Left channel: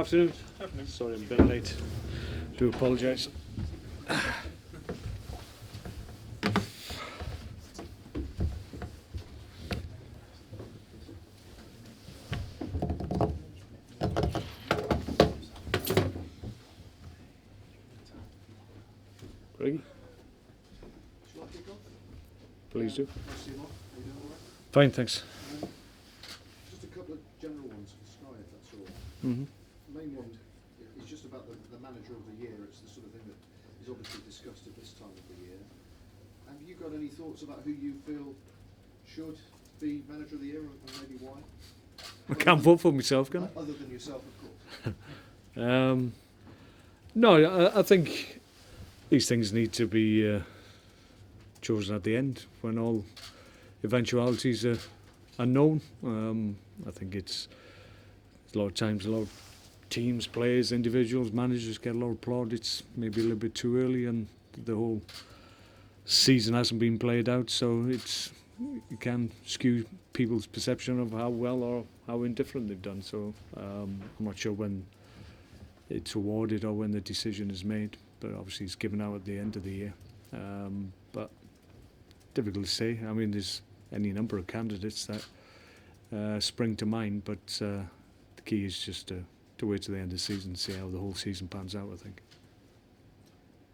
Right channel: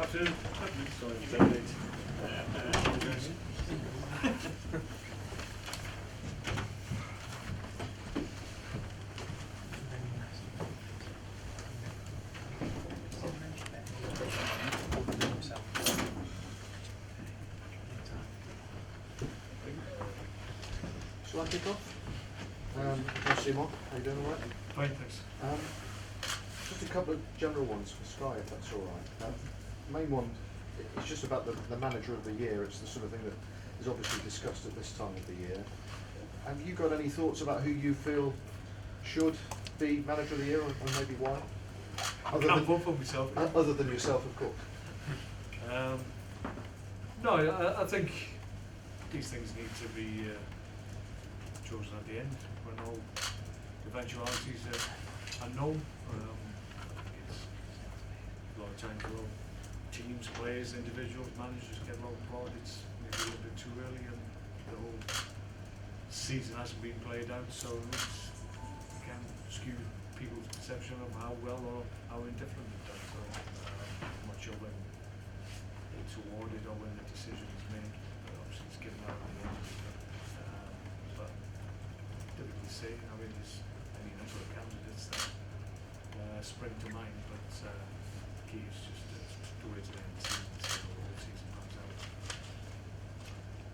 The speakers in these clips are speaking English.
Afternoon. Sorry, I'm very late. Do apologise. Shall I kick off? Please do. Mark, how you doing, all right? Fine, thanks. Just a couple of general ones for Sky, if that's all right. Main one is just about the manager of the year. It's the sort of thing that is obviously discussed at this time of the year. Have you got any thoughts about who you feel should be manager of the year, and maybe why? I can't vote for myself, can I? Other than yourself, of course. No, I think these things need to be chosen at the end when all eventualities are known. I think it's a lot of times a lot of teams, players, individuals, managers get a lot of plaudits maybe a little bit too early, and the whole season hasn't been played out, so it can skew people's perception of how well or how indifferent they've done. So I'm not sure when it's awarded or when the decision is made, but obviously it's given out at the end of the year. But difficult to say. I mean, there's any number of candidates that spring to mind, but the key is just to wait till the end of the season and see how the whole season pans out, I think.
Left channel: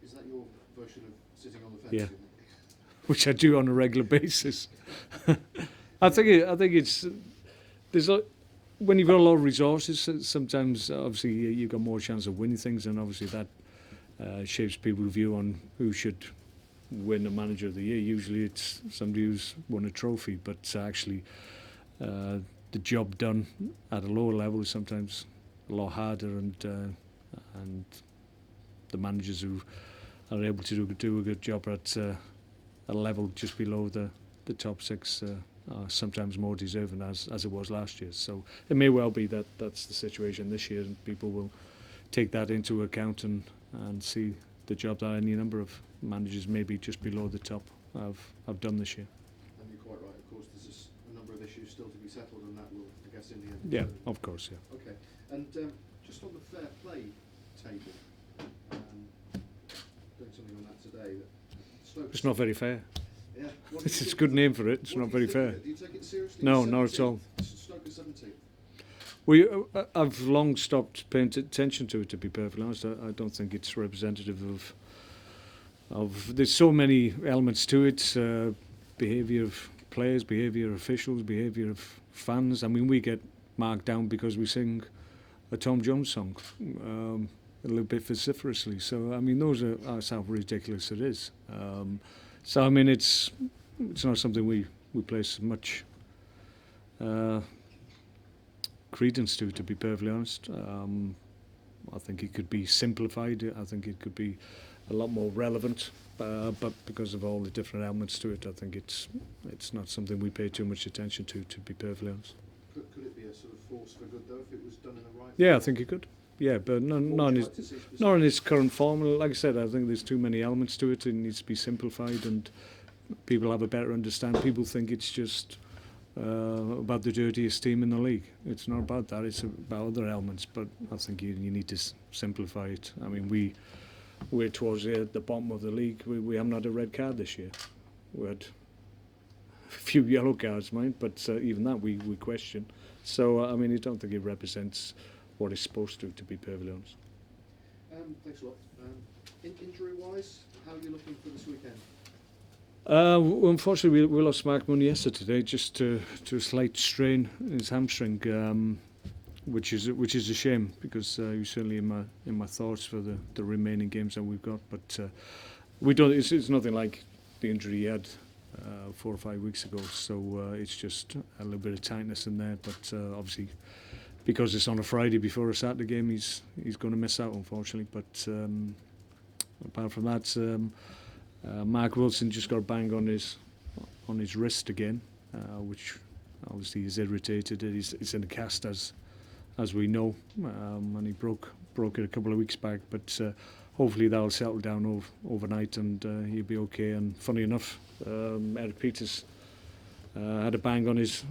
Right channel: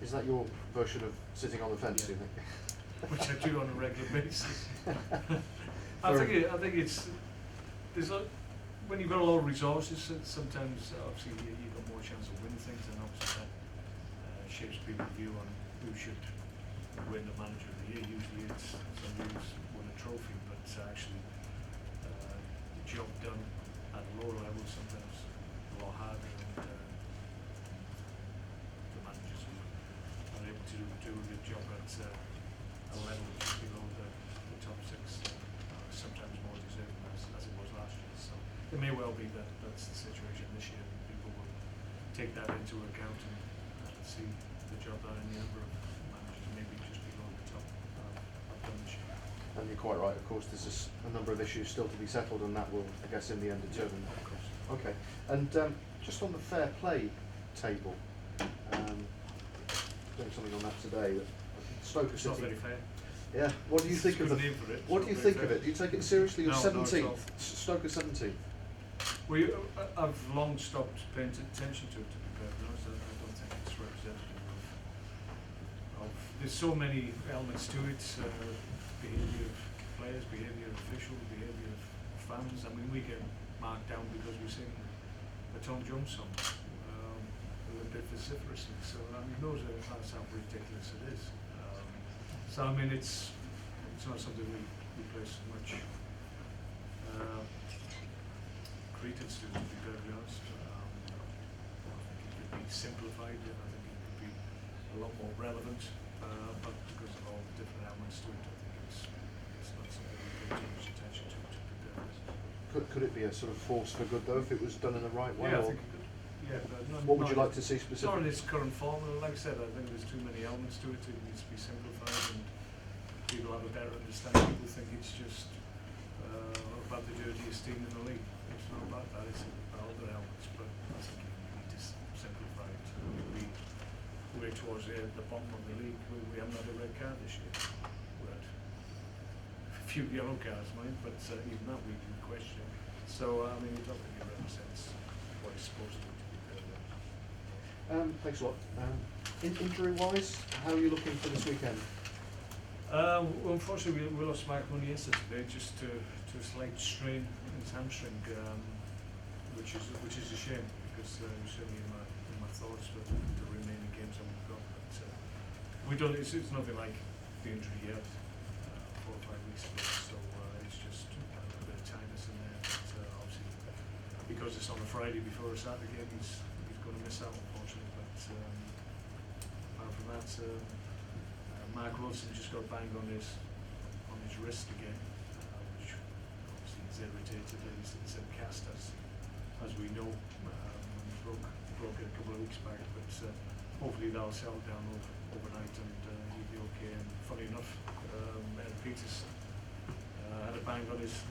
Is that your version of sitting on the fence, Yeah. do you think? Which I do on a regular basis. I think it's there's when you've got a lot of resources, sometimes obviously you've got more chance of winning things, and obviously that shapes people's view on who should win the manager of the year. Usually it's somebody who's won a trophy, but actually the job done at a lower level is sometimes a lot harder, and the managers who are able to do a good job at a level just below the top six are sometimes more deserving as it was last year. So it may well be that that's the situation this year, and people will take that into account and see the job that any number of managers maybe just below the top have done this year. And you're quite right, of course, there's just a number of issues still to be settled, and that will, I guess, in the end determine. Yeah, of course. Okay, and just on the fair play table, doing something on that today. Stoke It's not very fair. Yeah, what do you It's think a good of name for it. It's what not do you very think fair. of it? Do you take it seriously? No, You're not at all. 17th, Stoke are 17th. I've long stopped paying attention to it, to be perfectly honest. I don't think it's representative of. There's so many elements to it. Behaviour of players, behaviour of officials, behaviour of fans. I mean, we get marked down because we sing a Tom Jones song a little bit vociferously. So I mean, that's how ridiculous it is. So I mean, it's not something we place much credence to be perfectly honest. I think it could be simplified. I think it could be a lot more relevant, but because of all the different elements to it, I think it's not something we pay too much attention to be perfectly honest. Could it be a sort of force for good though if it was done in the right way? Yeah, I think it could. Yeah, but not in its current form. Like I said, I think there's too many elements to it. It needs to be simplified, and people have a better understanding. People think it's just about the dirtiest team in the league. It's not about that. It's about other elements. But I think you need to simplify it. I mean, we're towards the bottom of the league. We haven't had a red card this year. We had a few yellow cards, mind, but even that we question. So I mean, I don't think it represents what it's supposed to be perfectly honest. Thanks a lot. Injury-wise, how are you looking for this weekend? Well, unfortunately, we lost Mark Hughes yesterday just to a slight strain in his hamstring, which is a shame because he's certainly in my thoughts for the remaining games that we've got. But we don't. It's nothing like the injury he had 4 or 5 weeks ago. So it's just a little bit of tightness in there. But obviously, because it's on a Friday before a Saturday game, he's going to miss out, unfortunately. But apart from that, Mark Wilson just got a bang on his wrist again, which obviously is irritated. It's in a cast as we know, and he broke it a couple of weeks back. But hopefully that'll settle down overnight and he'll be okay. And funny enough, Eric Peters had a bang on his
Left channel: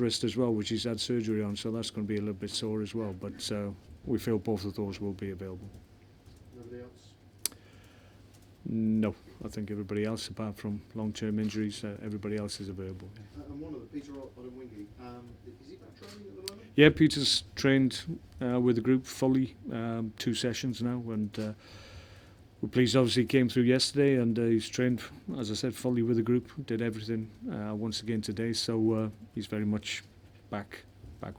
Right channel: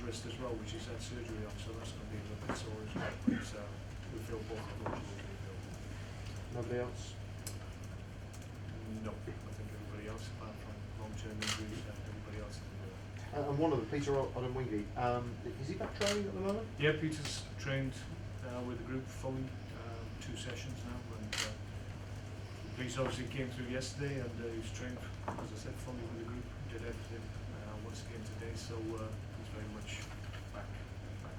wrist as well, which he's had surgery on, so that's going to be a little bit sore as well. But we feel both of those will be available. Nobody else? No, I think everybody else, apart from long-term injuries, everybody else is available. And one of the, Peter Odemwingie, is he back training at the moment? Yeah, Peter's trained with the group fully, 2 sessions now, and we're pleased. Obviously, he came through yesterday, and he's trained, as I said, fully with the group. Did everything once again today, so he's very much back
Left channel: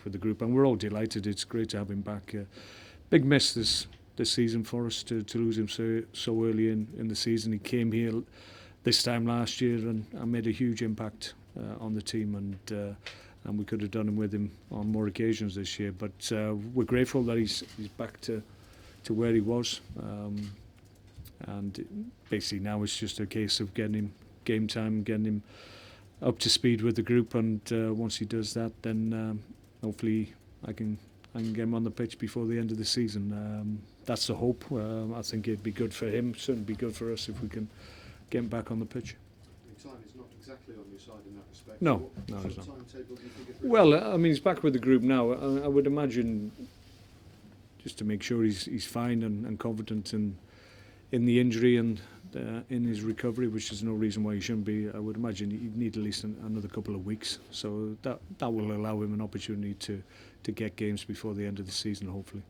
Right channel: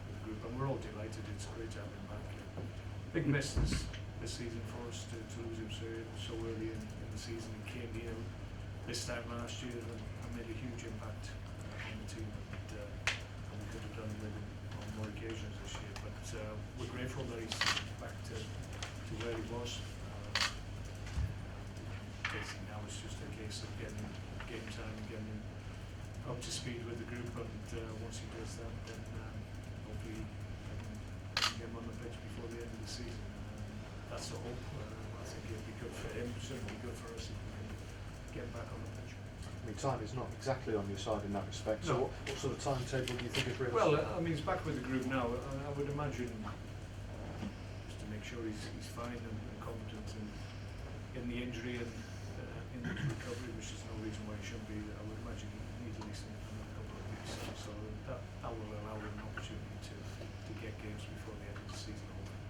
with the group, and we're all delighted. It's great to have him back. Big miss this season for us to lose him so early in the season. He came here this time last year and made a huge impact on the team, and we could have done with him on more occasions this year. But we're grateful that he's back to where he was, and basically now it's just a case of getting him game time, getting him up to speed with the group, and once he does that, then hopefully I can get him on the pitch before the end of the season. That's the hope. I think it'd be good for him, certainly be good for us if we can get him back on the pitch. I mean, time is not exactly on your side in that respect. No. So what sort of timetable do you think is realistic? Well, I mean, he's back with the group now. I would imagine, just to make sure he's fine and confident in the injury and in his recovery, which there's no reason why he shouldn't be. I would imagine he'd need at least another couple of weeks. So that will allow him an opportunity to get games before the end of the season, hopefully.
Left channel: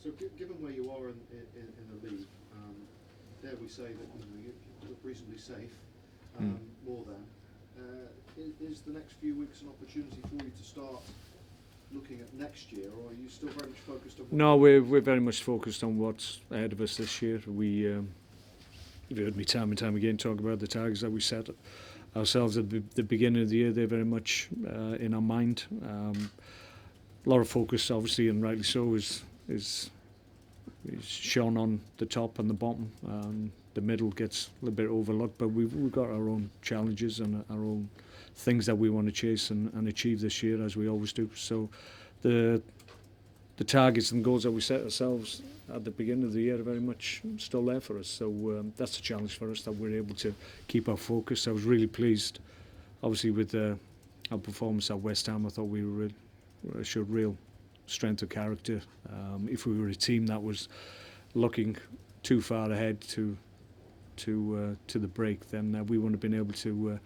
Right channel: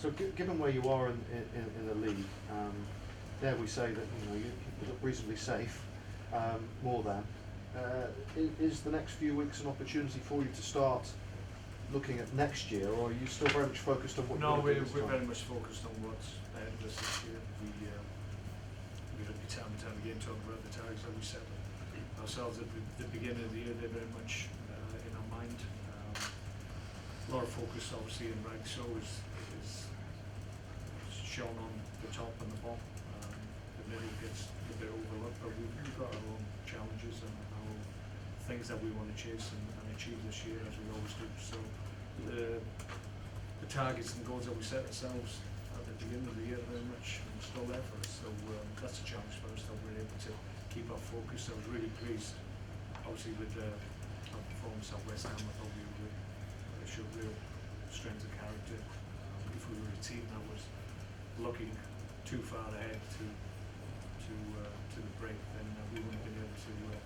So given where you are in the league, dare we say that you look reasonably safe, more than, is the next few weeks an opportunity for you to start looking at next year, or are you still very much focused on what? No, we're very much focused on what's ahead of us this year. You've heard me time and time again talk about the targets that we set ourselves at the beginning of the year. They're very much in our mind. A lot of focus, obviously, and rightly so, is shown on the top and the bottom. The middle gets a little bit overlooked, but we've got our own challenges and our own things that we want to chase and achieve this year, as we always do. So the targets and goals that we set ourselves at the beginning of the year are very much still there for us. So that's a challenge for us, that we're able to keep our focus. I was really pleased, obviously, with our performance at West Ham. I thought we showed real strength of character. If we were a team that was looking too far ahead to the break, then we wouldn't have been able to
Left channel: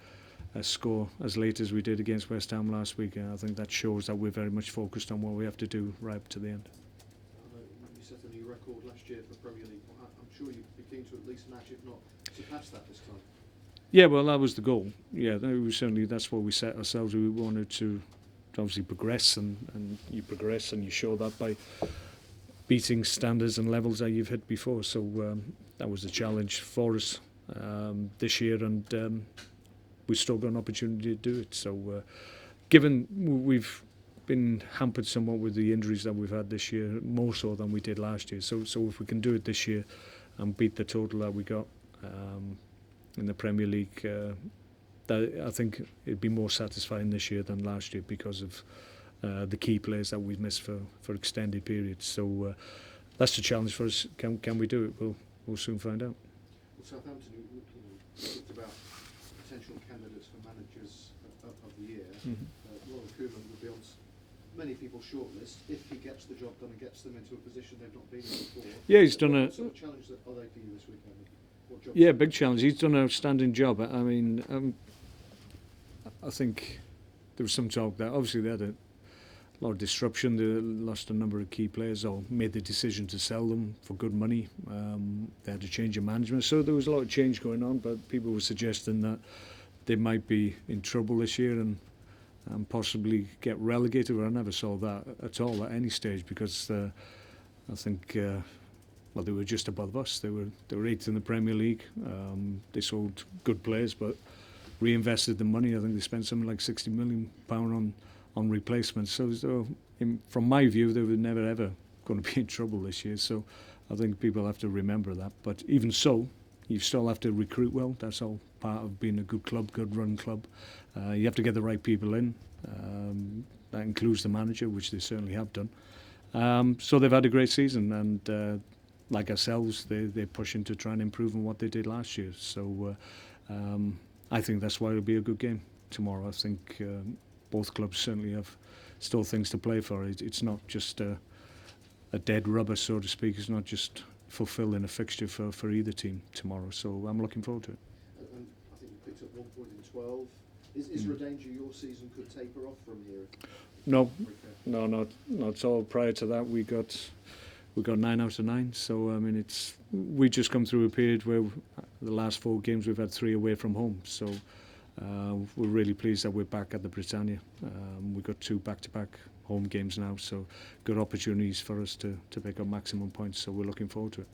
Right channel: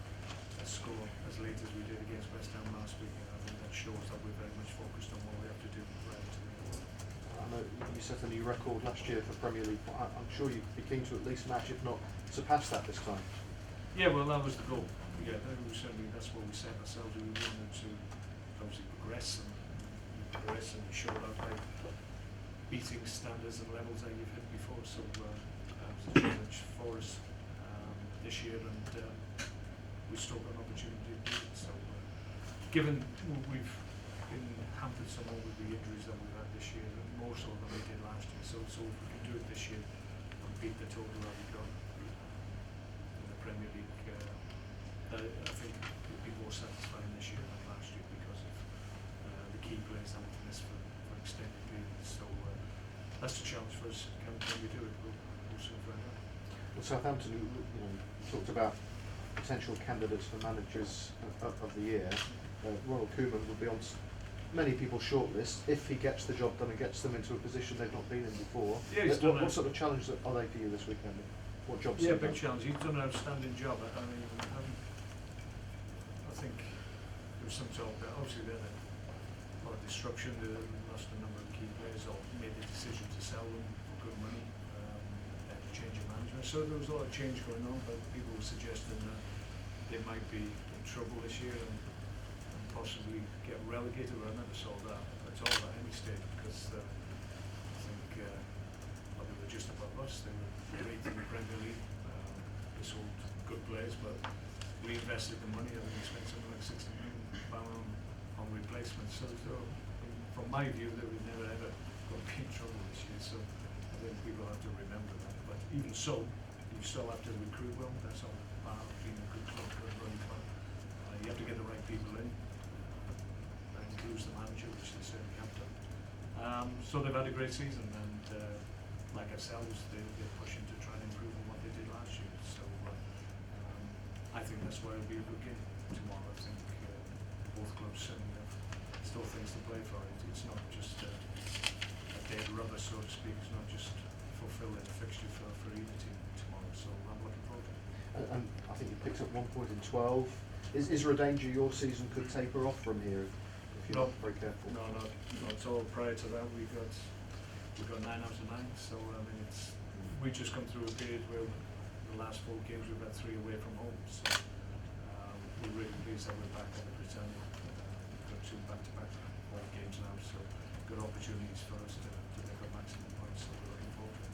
score as late as we did against West Ham last week. I think that shows that we're very much focused on what we have to do right up to the end. I know you set a new record last year for Premier League. I'm sure you'd be keen to at least match, if not surpass that this time. Yeah, well, that was the goal. Yeah, that's what we set ourselves. We wanted to obviously progress, and you progress and you show that by beating standards and levels that you've hit before. So that was a challenge for us this year, and we've still got an opportunity to do it. So given we've been hampered somewhat with the injuries that we've had this year, more so than we did last year, so if we can do it this year and beat the total that we got in the Premier League, that I think it'd be more satisfying this year than last year, because of the key players that we've missed for extended periods. So that's the challenge for us. Can we do it? We'll soon find out. Well, Southampton, talked about potential candidates for managers of the year. Ronald Koeman would be on many people's shortlist if he gets the job done and gets them into a position they've not been in before. Yeah, he's done what sort of challenge are they for you this weekend? What jobs? Yeah, big challenge. He's done an outstanding job. I mean, I think there was some talk that obviously they had a lot of disruption. They lost a number of key players, or made the decision to sell them for good money. They had a change of management, so there was a lot of change going on. But people were suggesting that they might be in trouble this year and possibly get relegated. Well, I never saw that at all at any stage, because I think they were just above us. They were 8th in the Premier League. They sold good players, but reinvested the money. I think they spent something like £60 million on replacements. So from my view, they were never ever going to be in trouble this year. So I think people have to remember that. But even so, you still have to recruit well. That's all part of being a good club, good run club. You have to get the right people in. That includes the manager, which they certainly have done. So they've had a great season, and like ourselves, they're pushing to try and improve on what they did last year. So I think that's why it'll be a good game tomorrow. I think both clubs certainly have still things to play for. It's not just a dead rubber, so to speak. It's not just fulfilling a fixture for either team tomorrow. So I'm looking forward to it. And I think you picked up 1 point in 12. Is there a danger your season could taper off from here? If No, you're very careful? no, not at all. Prior to that, we got 9 out of 9. So I mean, we just come through a period where the last 4 games we've had 3 away from home. So we're really pleased that we're back at the Britannia. We've got 2 back-to-back home games now, so good opportunities for us to pick up maximum points. So we're looking forward to it.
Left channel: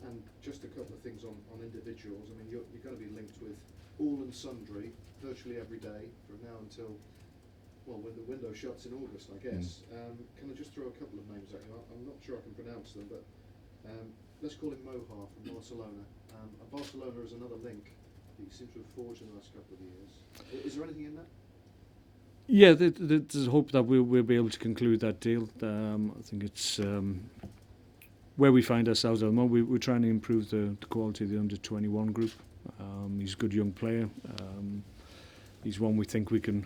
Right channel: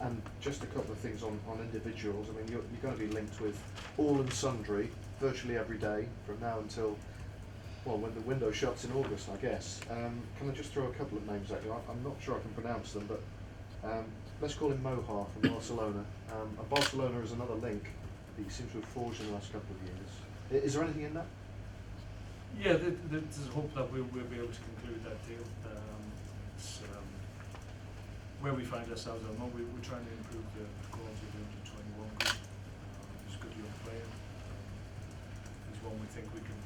And just a couple of things on individuals. I mean, you're going to be linked with all and sundry virtually every day from now until, well, when the window shuts in August, I guess. Can I just throw a couple of names at you? I'm not sure I can pronounce them, but let's call him Moha from Barcelona. And Barcelona is another link that he seems to have forged in the last couple of years. Is there anything in that? Yeah, there's hope that we'll be able to conclude that deal. I think it's where we find ourselves at the moment. We're trying to improve the quality of the under-21 group. He's a good young player. He's one we think we can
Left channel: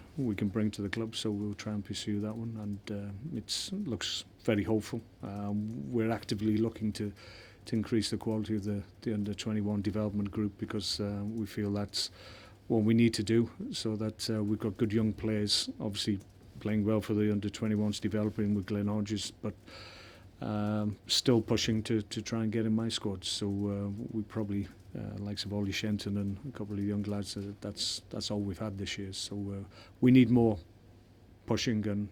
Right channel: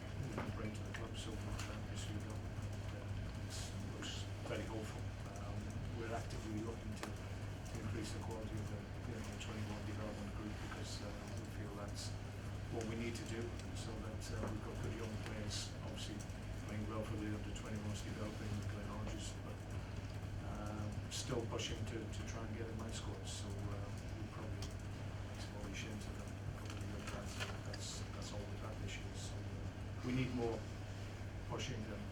bring to the club, so we'll try and pursue that one. And it looks very hopeful. We're actively looking to increase the quality of the under-21 development group, because we feel that's what we need to do, so that we've got good young players, obviously playing well for the under-21s, developing with Glenn Hodges, but still pushing to try and get in my squad. So we probably likes of Ollie Shenton and a couple of young lads. That's all we've had this year. So we need more pushing and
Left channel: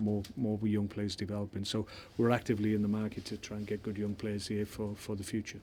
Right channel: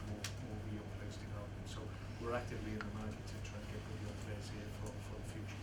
more young players developing. So we're actively in the market to try and get good young players here for the future.